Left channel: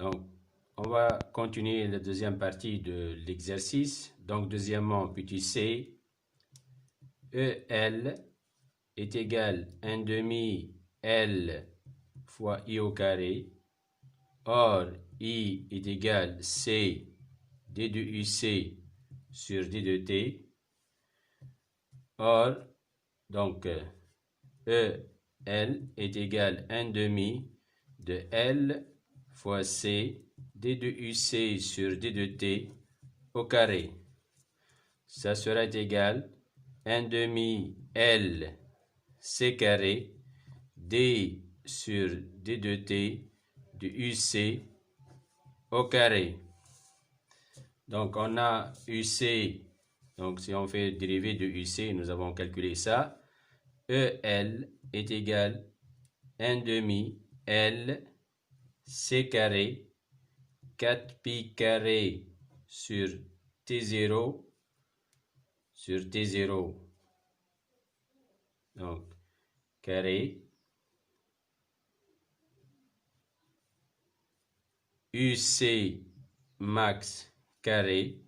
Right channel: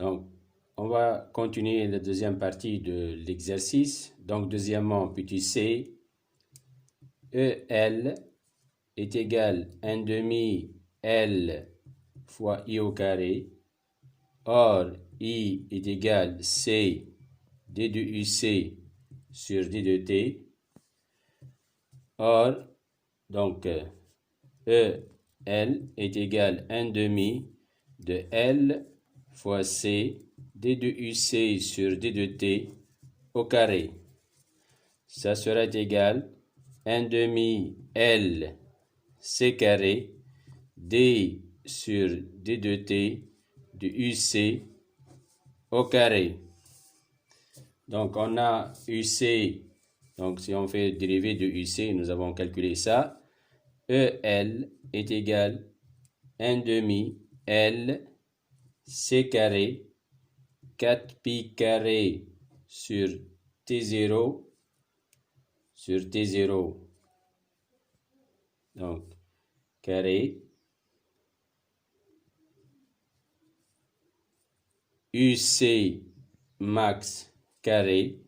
Donc, on va continuer la deuxième partie de l'exercice. Donc, deuxièmement, petit c, EL est égal à 1 demi L fois I au carré. Or, I est égal C d de UC sur d de T. Or, donc, EL est égal à 1 demi de L fois C d de UC sur d de T au carré. Ça sera égal à 1 demi L C carré D sur d de T de UC au carré. Donc, on a UC, donc si on fait dérivé de UC, nous avons calculé ça. EL est égal à 1 demi L C carré 4 pi carré sur T0 sur T0. Donc, carré UC max carré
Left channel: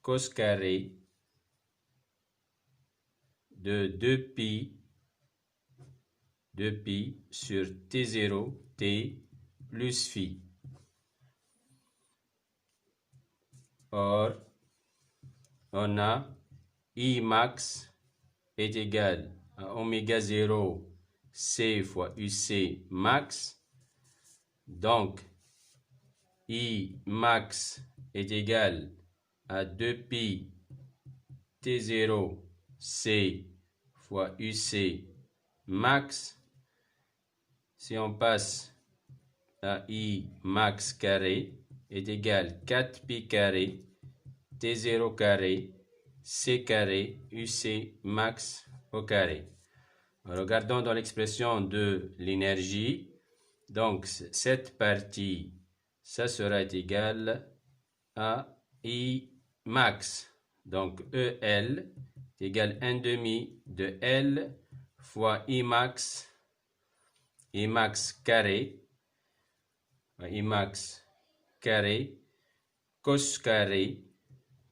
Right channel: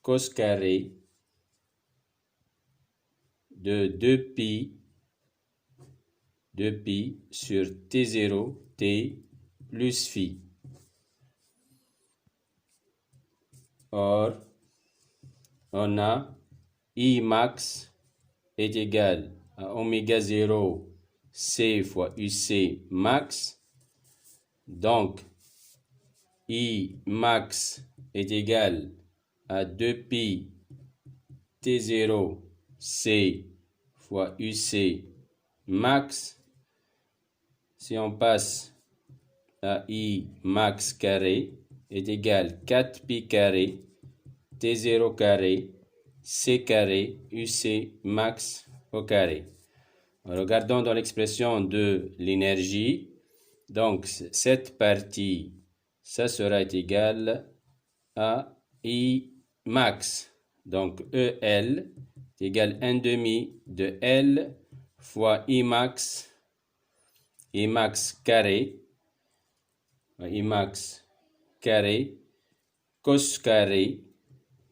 cos carré de 2 pi sur T0 T plus phi. Or, on a I max est égal à oméga 0 C fois UC max. Donc, I max est égal à 2 pi T0 C fois UC max. Si on passe à I max carré est égal à 4 pi carré T0 carré C carré UC max au carré. Regardons dans l'expression de l'énergie. Donc, cette partie, ça sera égal à I max. Donc, EL est égal à 1 demi de L fois I max carré, cos carré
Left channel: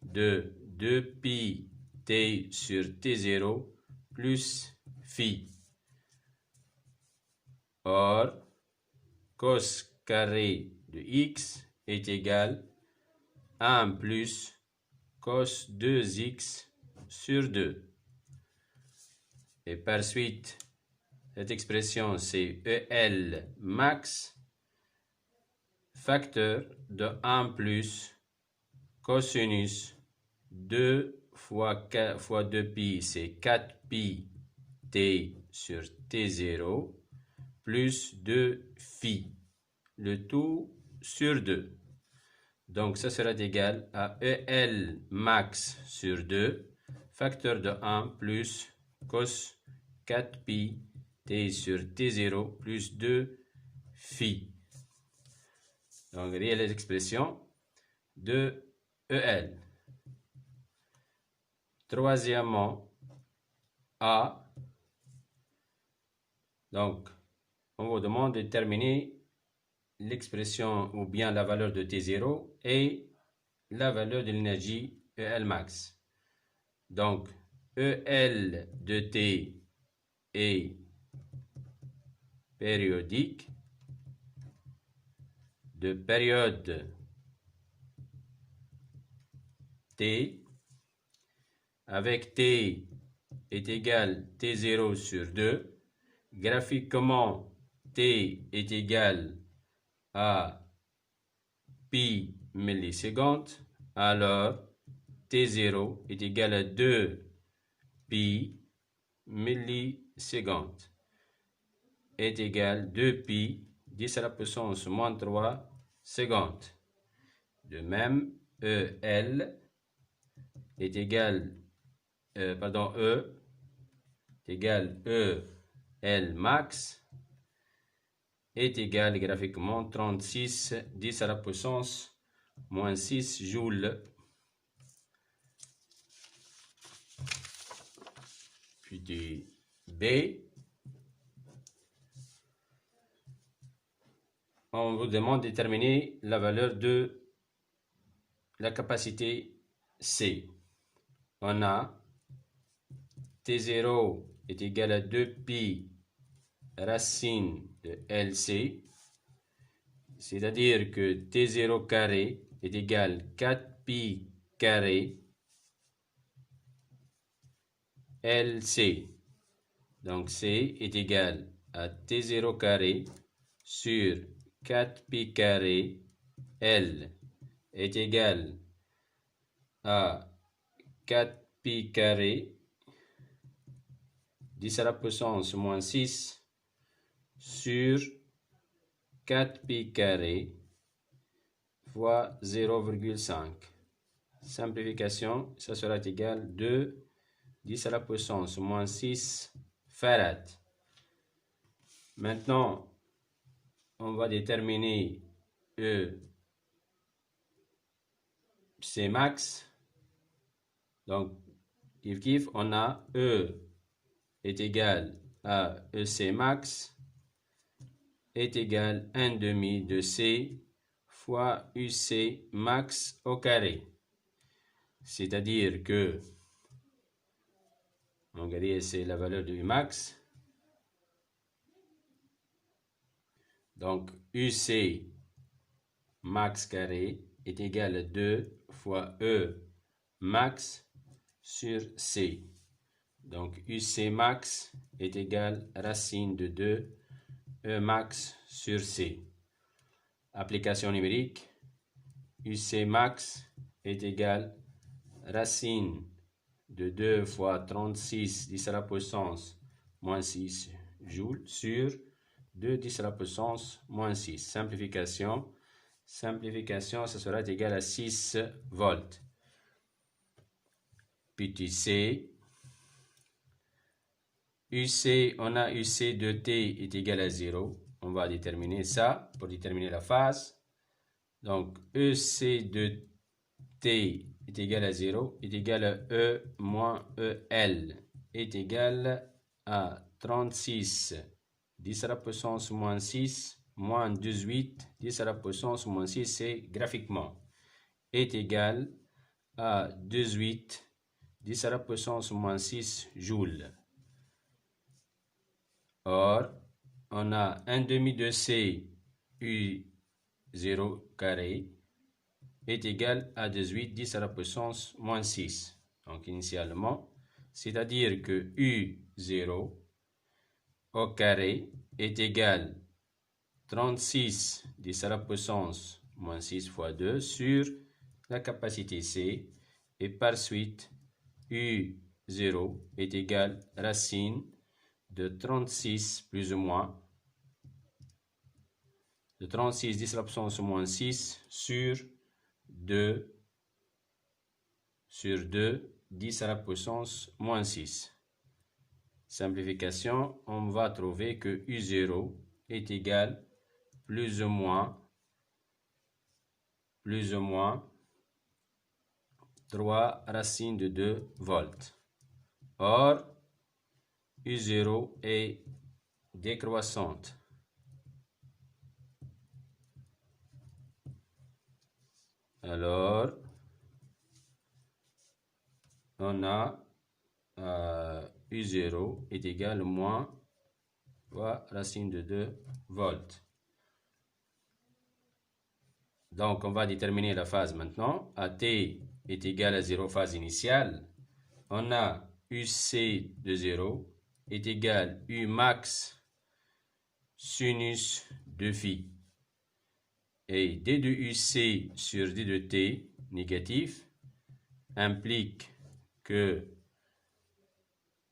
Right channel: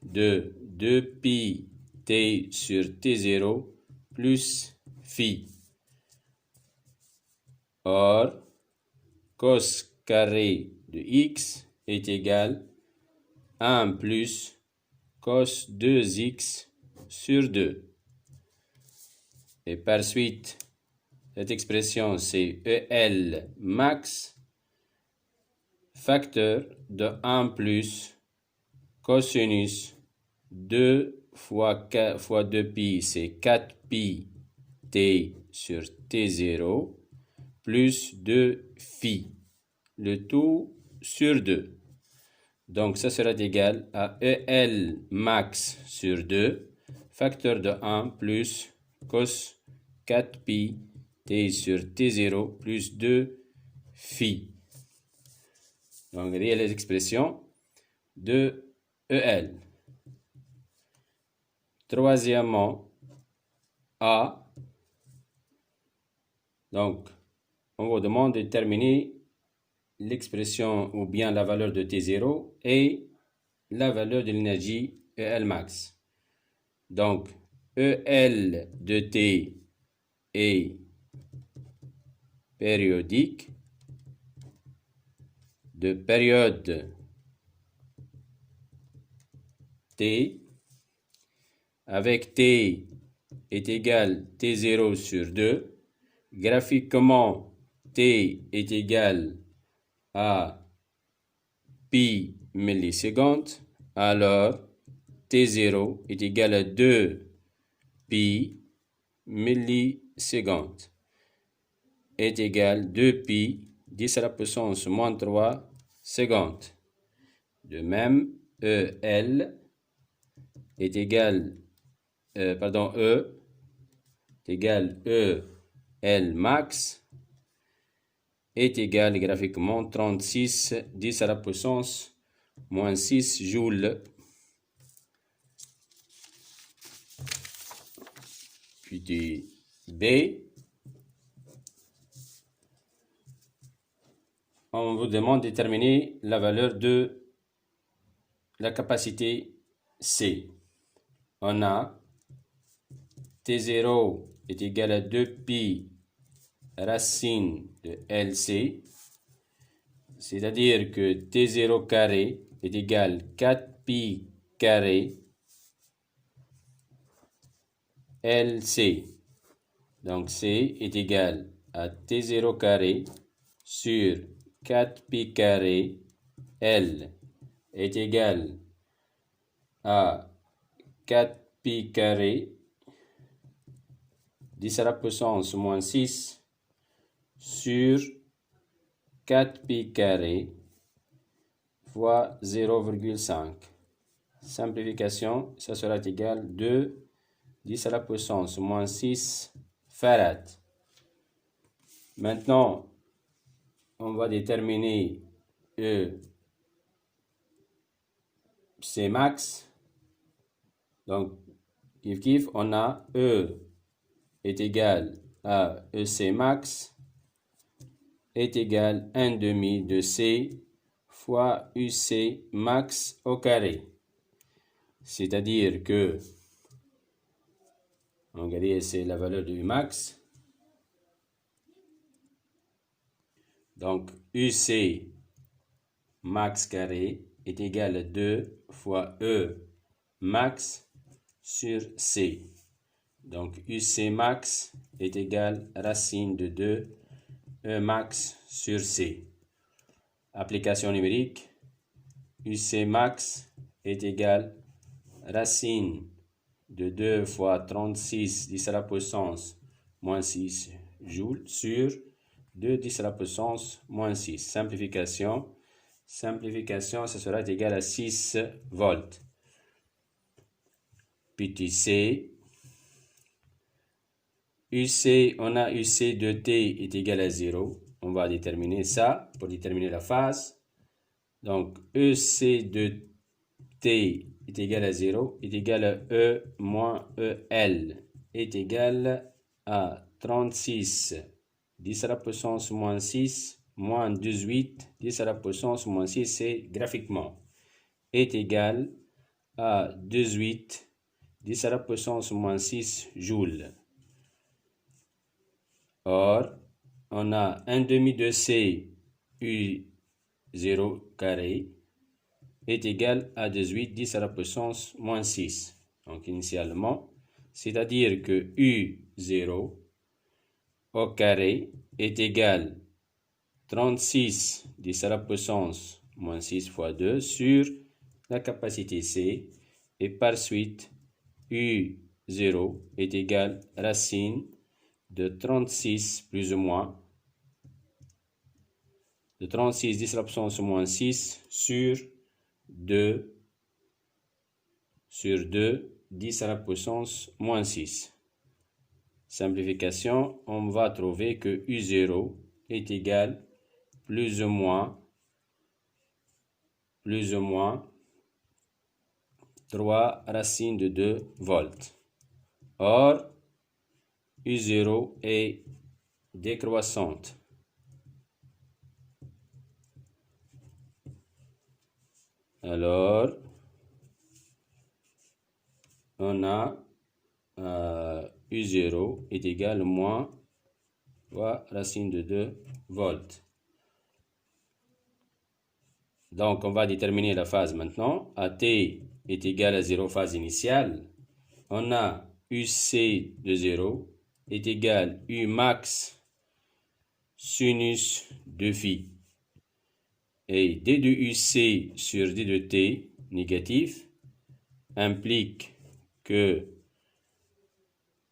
de 2 pi T sur T0 plus phi. Or, cos carré de x est égal à 1 plus cos 2x sur 2. Et par suite, cette expression c'est EL max facteur de 1 plus cosinus 2 fois 2 pi, c'est 4 pi T sur T0 plus 2 phi, le tout sur 2. Donc, ça sera égal à EL max sur 2, facteur de 1 plus cos 4 pi T sur T0 plus 2 phi. Donc, réelle expression de EL. Troisièmement, A. Donc, on vous demande de déterminer l'expression ou bien la valeur de T0 et la valeur de l'énergie EL max. Donc, EL de T est périodique de période T avec T est égal T0 sur 2. Graphiquement, T est égal à pi millisecondes. Alors, T0 est égal à 2 pi millisecondes est égal à 2 pi 10 à la puissance moins 3 secondes. De même, EL est égal, E est égal EL max est égal graphiquement 36 10 à la puissance moins 6 joules. Puis B. on vous demande de déterminer la valeur de la capacité C. On a T0 est égal à 2pi racine de LC, c'est-à-dire que T0 carré est égal à 4pi carré LC. Donc C est égal à T0 carré sur 4pi carré L est égal à 4pi carré 10 à la puissance moins 6 sur 4pi carré fois 0,5. Simplification, ça sera égal à 2 10 à la puissance moins 6 farad. Maintenant, on va déterminer C max. Donc, kiff, on a E est égal à EC max est égal à 1/2 de C fois UC max au carré. C'est-à-dire que, on va c'est la valeur de U max. Donc, UC max carré est égal à 2 fois E max sur C. Donc, UC max est égal à racine de 2 E max sur C. Application numérique, UC max est égal à racine de 2 fois 36 10 à la puissance moins 6 joules sur 2 10 à la puissance moins 6. Simplification, ça sera égal à 6 volts. Petit c, UC, on a UC de T est égal à 0. On va déterminer ça pour déterminer la phase. Donc, EC de T est égal à 0, est égal à E moins EL, est égal à 36 10 à la puissance moins 6 moins 18 10 à la puissance moins 6, c'est graphiquement, est égal à 18 10 à la puissance moins 6 joules. Or, on a 1/2 de C U0 carré est égal à 18 10 à la puissance moins 6. Donc, initialement, c'est-à-dire que U0 au carré est égal à 36 10 à la puissance moins 6 fois 2 sur la capacité C, et par suite, U0 est égal à racine de 36 plus ou moins de 36 10 à la puissance moins 6 sur 2 10 à la puissance moins 6. Simplification, on va trouver que U0 est égal plus ou moins 3 racine de 2 volts. Or, U0 est décroissante. Alors, on a U0 est égal à moins 3 racine de 2 volts. Donc, on va déterminer la phase maintenant. AT est égal à 0 phase initiale. On a UC de 0 est égal à U max sinus de phi. Et D de UC sur D de T négatif implique que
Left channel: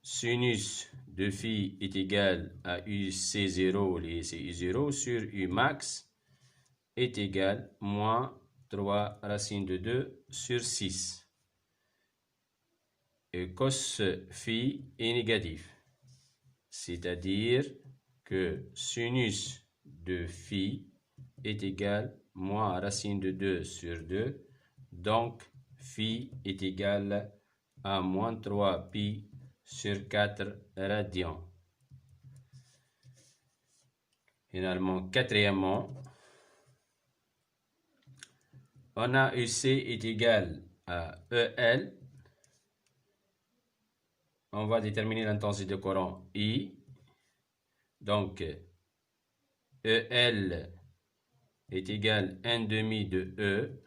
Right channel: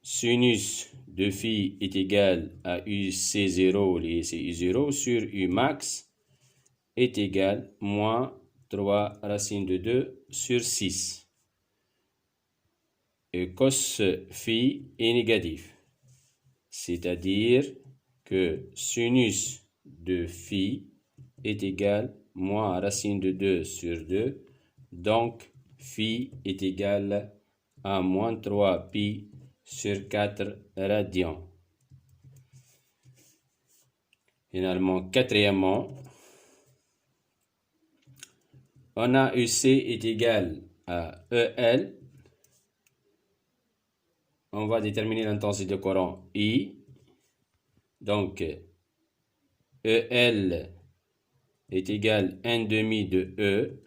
sinus de phi est égal à UC0, c'est U0 sur U max est égal à moins 3 racine de 2 sur 6. Et cos phi est négatif. C'est-à-dire que sinus de phi est égal à moins racine de 2 sur 2. Donc, phi est égal à moins 3 pi sur 4 radians. Finalement, quatrièmement, On a EC est égal à EL. On va déterminer l'intensité de courant I. Donc, EL est égal à 1 demi de E.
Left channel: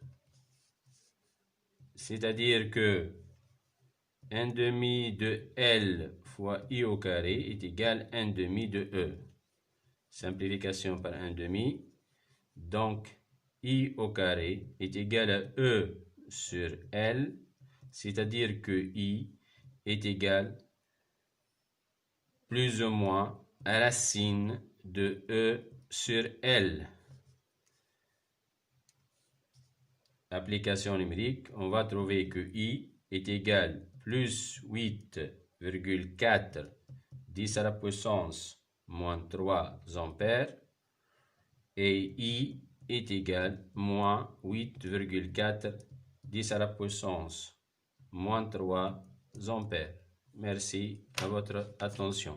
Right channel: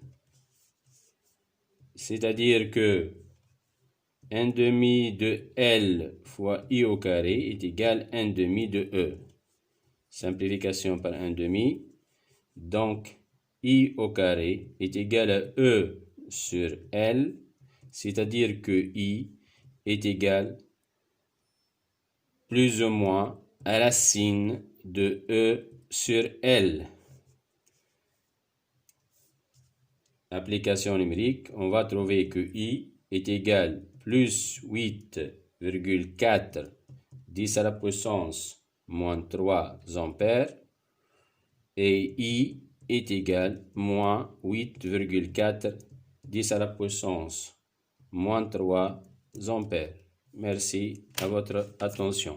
C'est-à-dire que 1 demi de L fois I au carré est égal à 1 demi de E. Simplification par 1 demi. Donc, I au carré est égal à E sur L, c'est-à-dire que I est égal plus ou moins à racine de E sur L. Application numérique, on va trouver que I est égal plus 8,4 10 à la puissance moins 3 ampères et I est égal moins 8,4 10 à la puissance moins 3 ampères. Merci à votre attention.